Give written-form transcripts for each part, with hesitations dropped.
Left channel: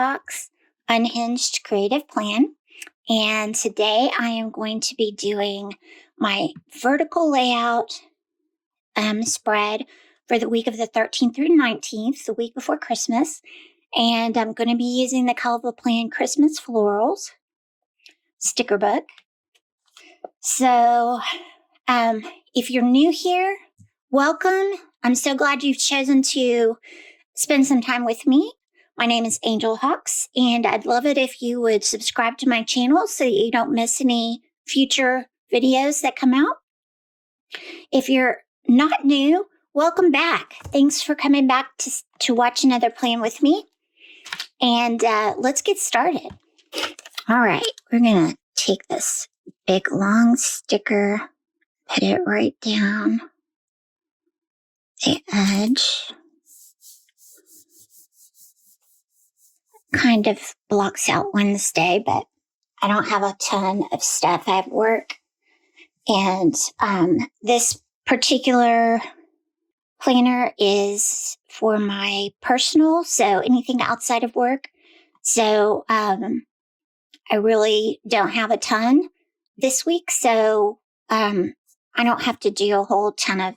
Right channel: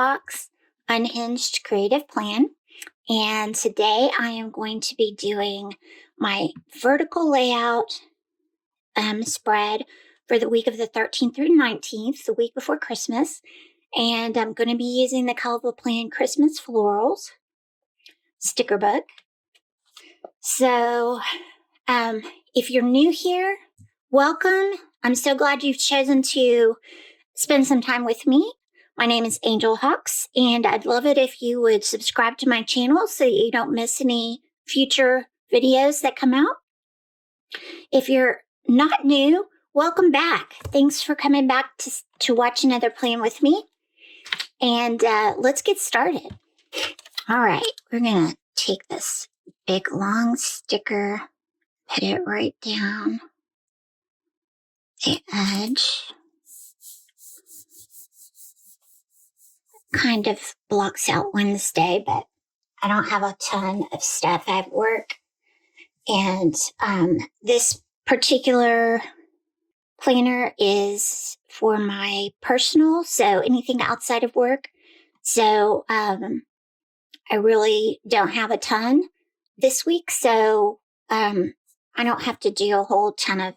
Hawks Unhinged Creative Plan, and today I am going to be doing my vertical layout spread for the week of the 13th through 19th, the week before Christmas, and I'm going to be using the Colorful Plan Christmas Florals sticker book. So if you're new here, welcome. I'm so glad you've chosen to spend some time with me. My name is Angel Hawks, and I'd love it if you would subscribe to my channel so that you don't miss any future videos that come out. If you're not new, welcome back. Thanks for coming back to watch another plan with me. And let's get started. All right, we're going to take this big long sticker, put it right down the edge. Kind of blocks out Wednesday, but I don't have a ton of stuff. I have work. And this particular planner is for my personal, so anything outside of work. So I really don't have a ton this week, so I don't have to do a whole ton of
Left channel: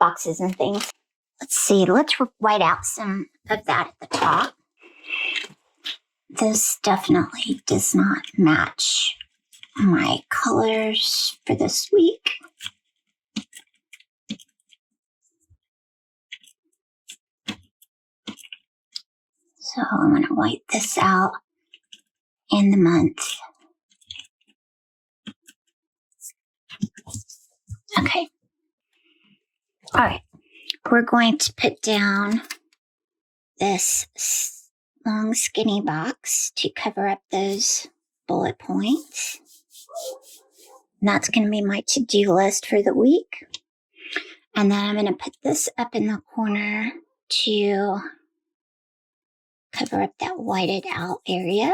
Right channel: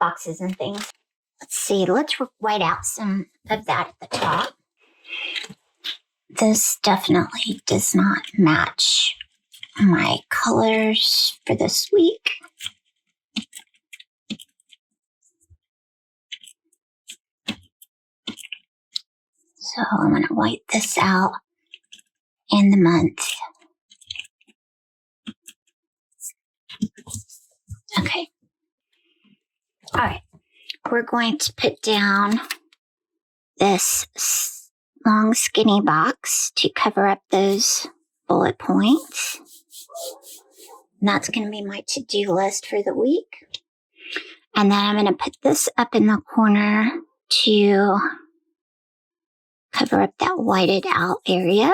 boxes and things. Let's see, let's white out some of that at the top. This definitely does not match my colors for this week. So I'm going to white this out in the month. Okay. All right. We're going to put down this long skinny box to cover up those bullet points. And that's going to be my to-do list for the week. And then I'm going to put this up in the corner to cover up that whited out area.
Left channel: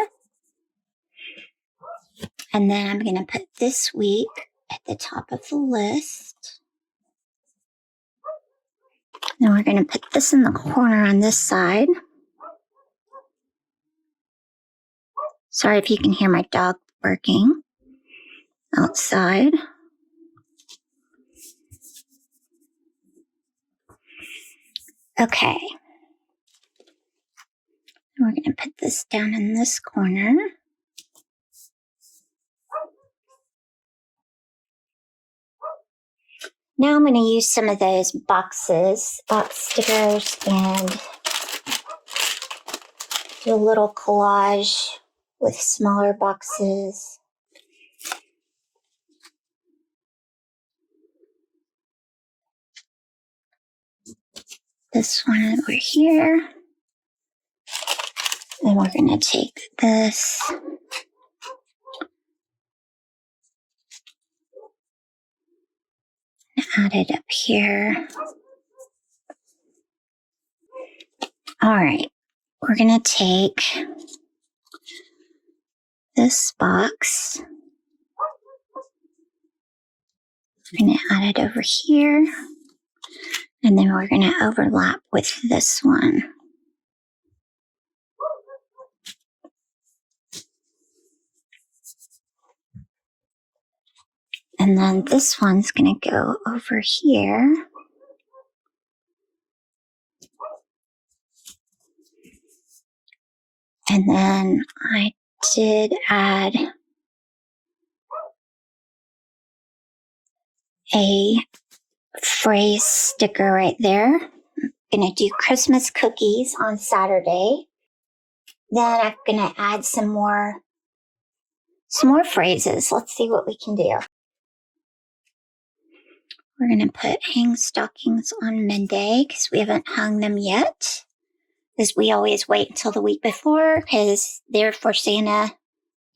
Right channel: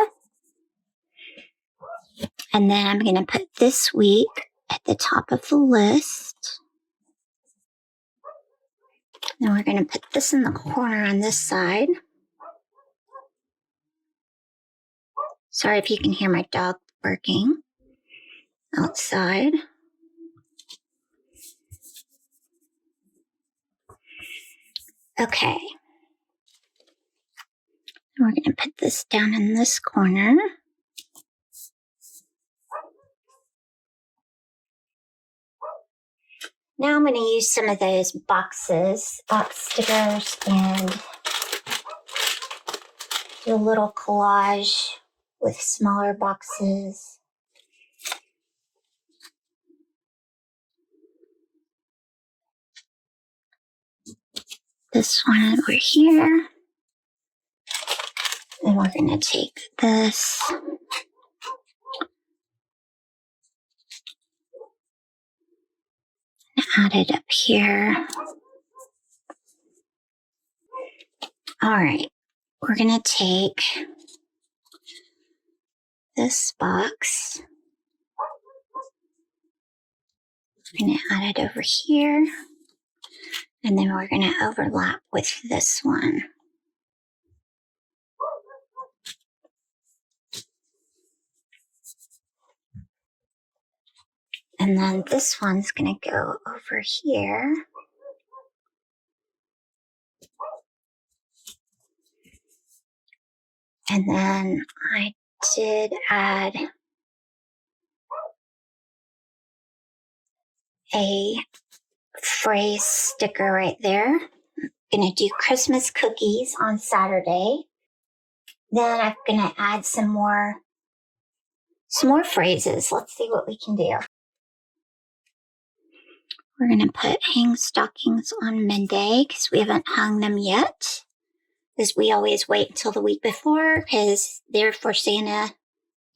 And then I'm going to put this week at the top of the list. Then we're going to put this in the corner on this side. Sorry if you can hear my dog barking outside. Okay. We're going to put this down in this corner. Now I'm going to use some of those box stickers, and do a little collage with smaller boxes. This one over here. And we're going to take this and add it up here. All right. We're going to take this box. We're going to add it over here. And then we're going to overlap with this one. And then this one's going to go over here. And then I did add a phrase sticker right there. I'm going to do Christmas cookies on Saturday. Then I'm going to add some more phrases. Let's see what we can do. We're going to put hang stockings on Monday because we haven't hung them yet. Because we always wait until the week before because they're for Santa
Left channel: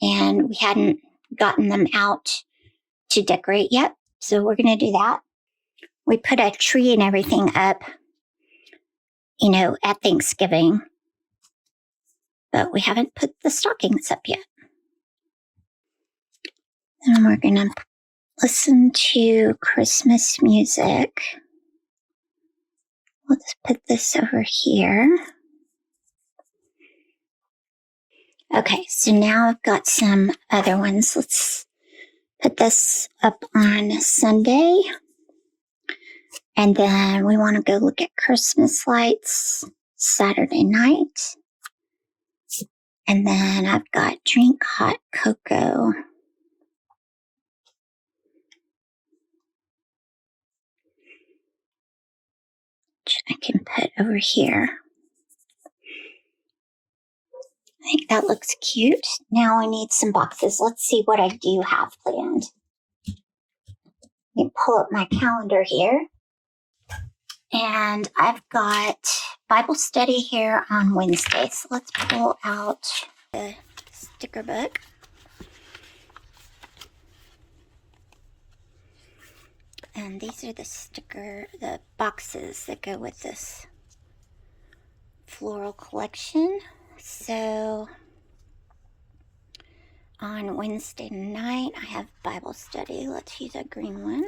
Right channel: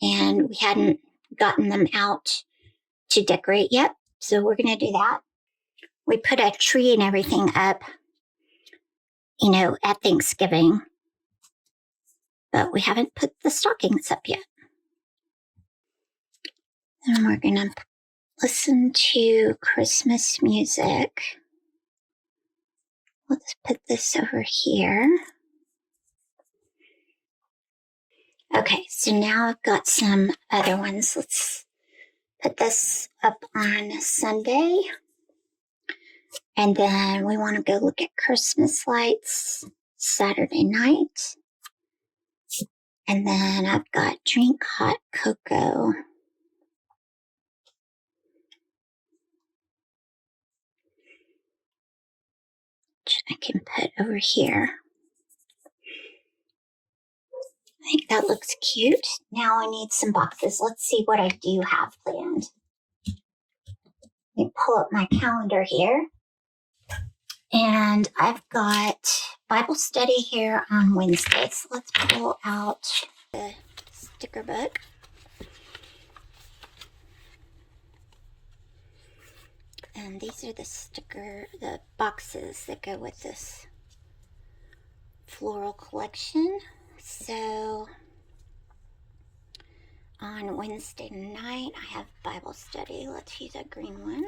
and we hadn't gotten them out to decorate yet. So we're going to do that. We put a tree and everything up, at Thanksgiving. But we haven't put the stockings up yet. Then we're going to listen to Christmas music. Let's put this over here. Okay, so now I've got some other ones. Let's put this up on Sunday. And then we want to go look at Christmas lights Saturday night. And then I've got drink hot cocoa. Which I can put over here. I think that looks cute. Now I need some boxes. Let's see what I do have planned. Let me pull up my calendar here. And I've got Bible study here on Wednesday. So let's pull out the sticker book. And these are the boxes that go with this floral collection. So on Wednesday night, I have Bible study. Let's use a green one.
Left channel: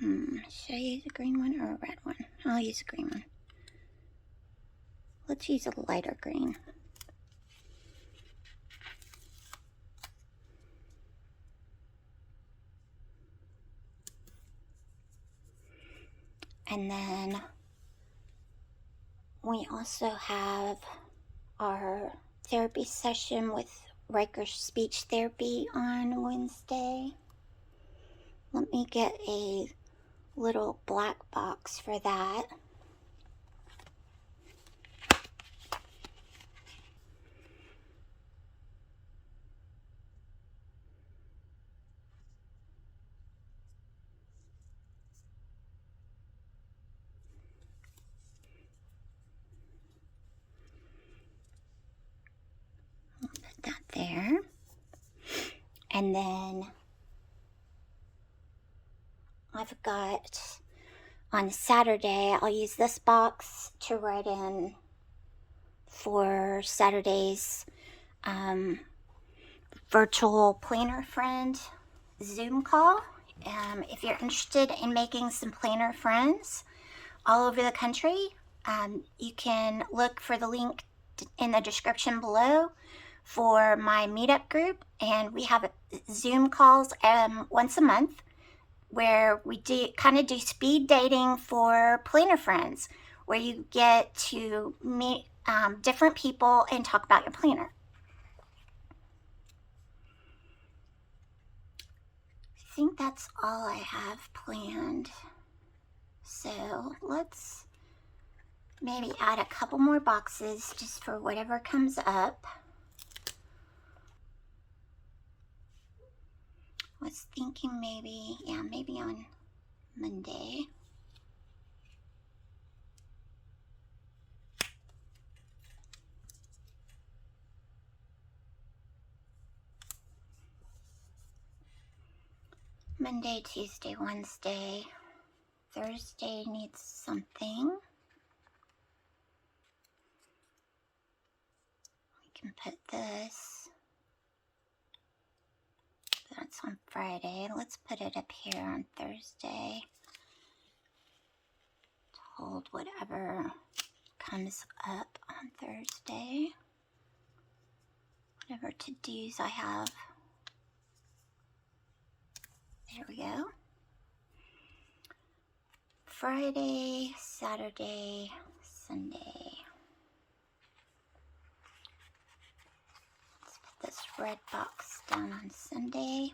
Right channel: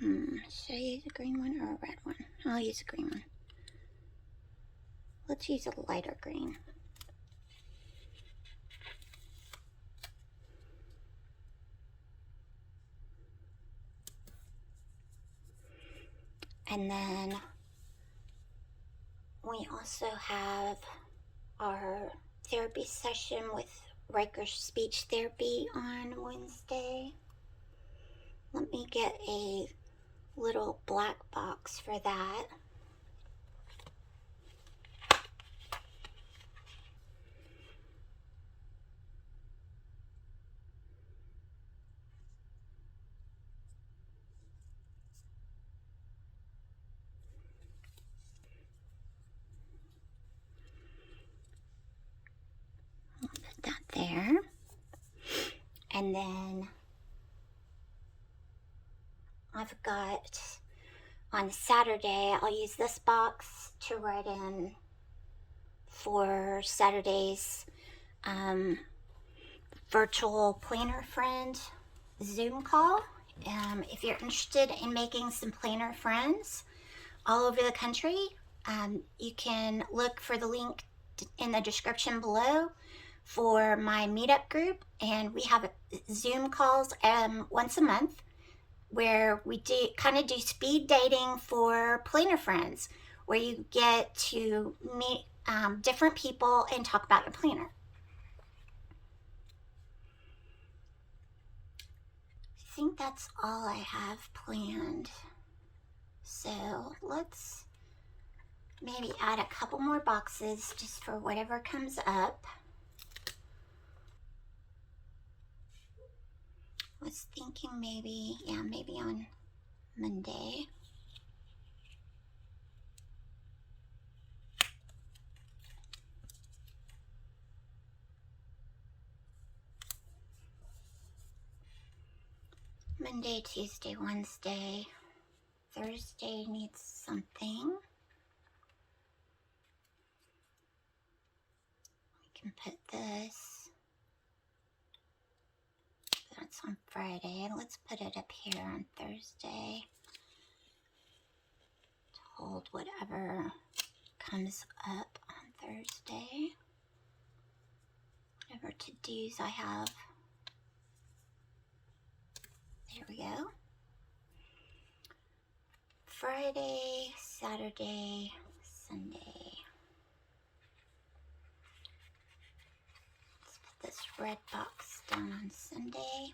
Should I use a green one or a red one? I'll use a green one. Let's use a lighter green. And then we also have our therapy session with Riker Speech Therapy on Wednesday. Let me get a little black box for that. I'll put that there. And then I've got on Saturday, I'll use this box to write in for Saturday's virtual planner friend Zoom call. If you're interested in making some planner friends all over the country, you can look for the link in the description below for my meetup group. And we have Zoom calls once a month where we do speed dating for planner friends, where you get to meet different people and talk about your planner. I think that's all I have planned. So let's maybe add a couple more boxes just for whatever comes up. I was thinking maybe on Monday. Monday, Tuesday, Wednesday. Thursday needs something. I can put this. That's on Friday. Let's put it up here on Thursday. To hold whatever comes up on Thursday. Whatever to-dos I have. There we go. Friday, Saturday, Sunday. Let's put this red box down on Sunday.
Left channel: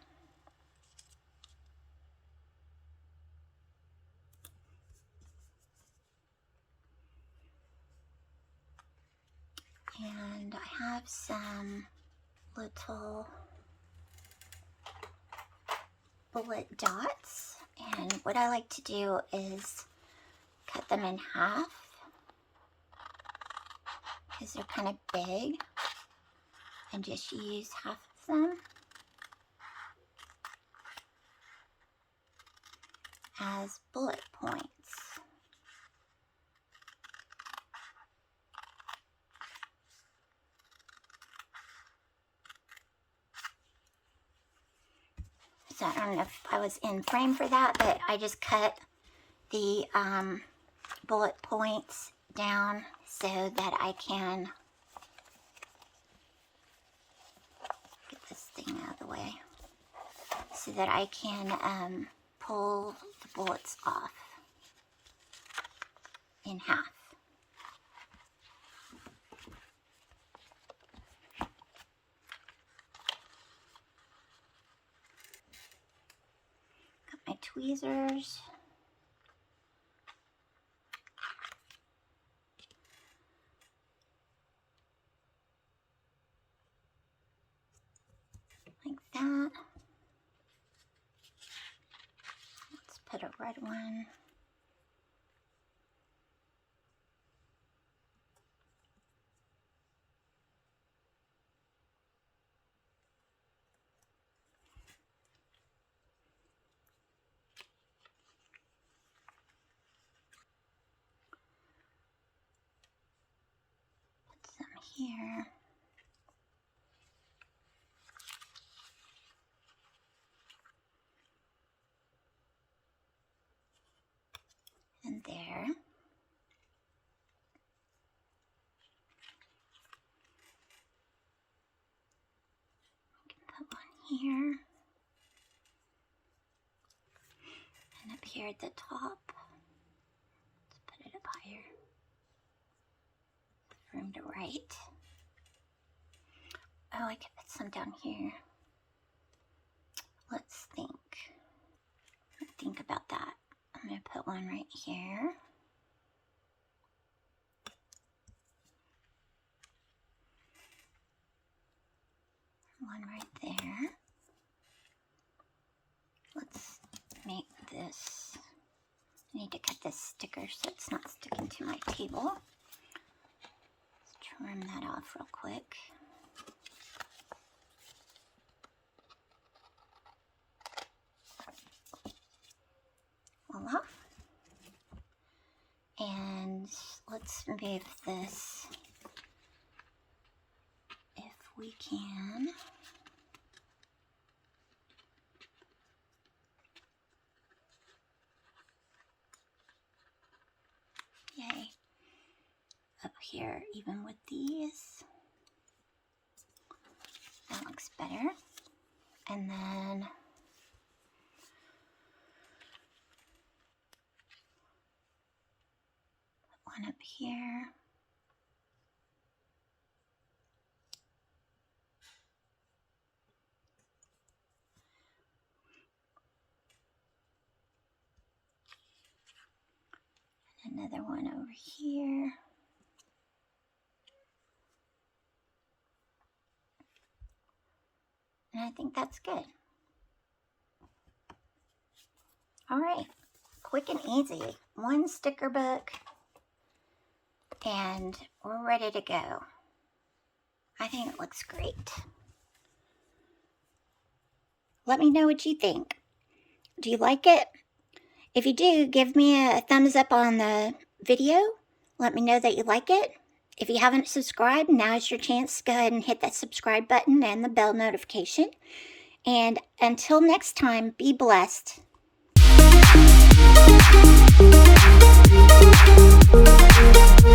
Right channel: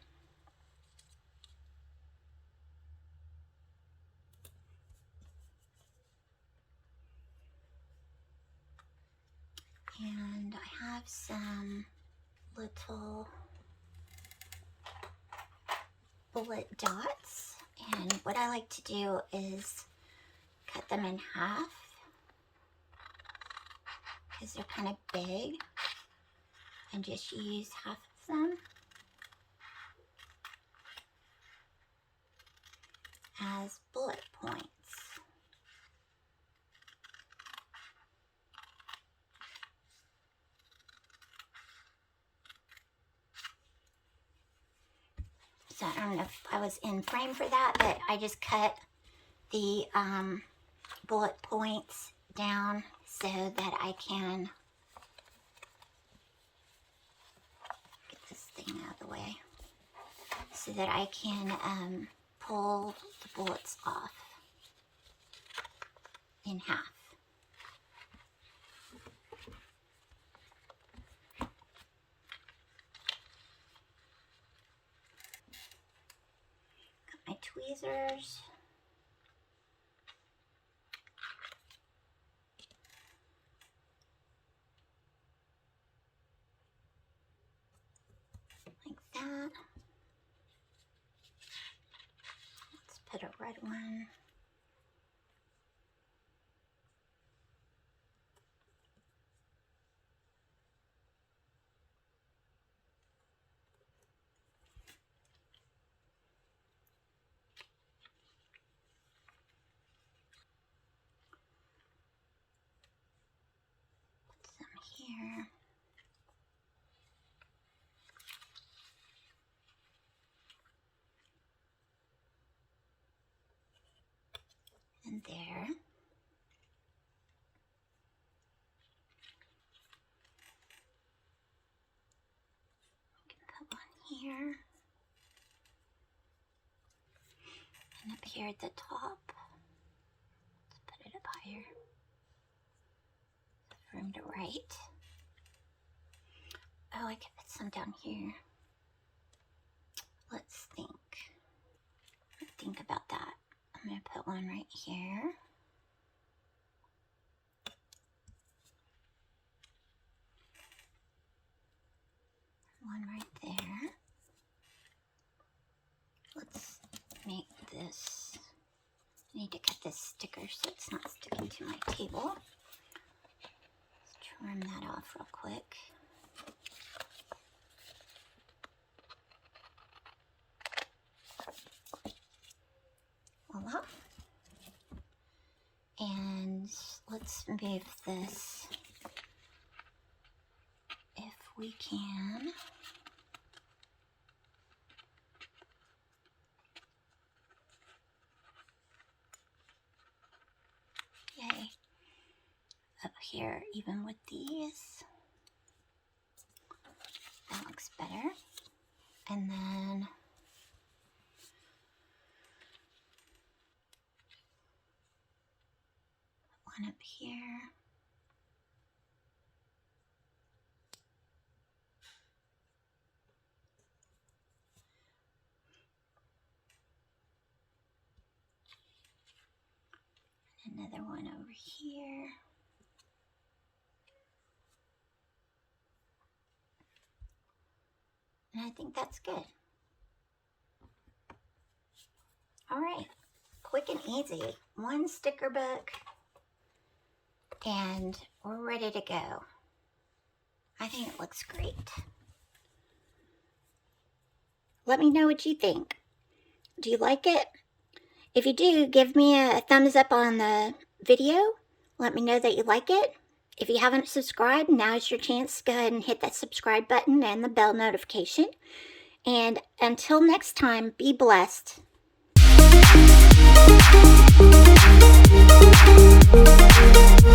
And I have some little bullet dots, and what I like to do is cut them in half because they're kind of big, and just use half of them as bullet points. So I don't know if I was in frame for that, but I just cut the bullet points down so that I can get this thing out of the way, so that I can pull the bullets off in half. Got my tweezers. Like that. Let's put a red one. Put some here. And there. We can put one here. And up here at the top. Let's put it up higher. Room to write. Oh, I could put some down here. Let's think about that. I'm going to put one right here. One right there. Let's make this. I need to cut this sticker so it's not sticking to my table. Let's trim that off real quick. Voila. And let's move this, if we can. Yay. Up here, even with these. That looks better. And then one up here. Another one over here. And I think that's good. All right, quick and easy. One sticker book, and we're ready to go. I think it looks great. Let me know what you think. Do you like it? If you do, give me a thumbs up on the video. Let me know that you like it. If you haven't subscribed, now is your chance to go ahead and hit that subscribe button and the bell notification. And until next time, be blessed.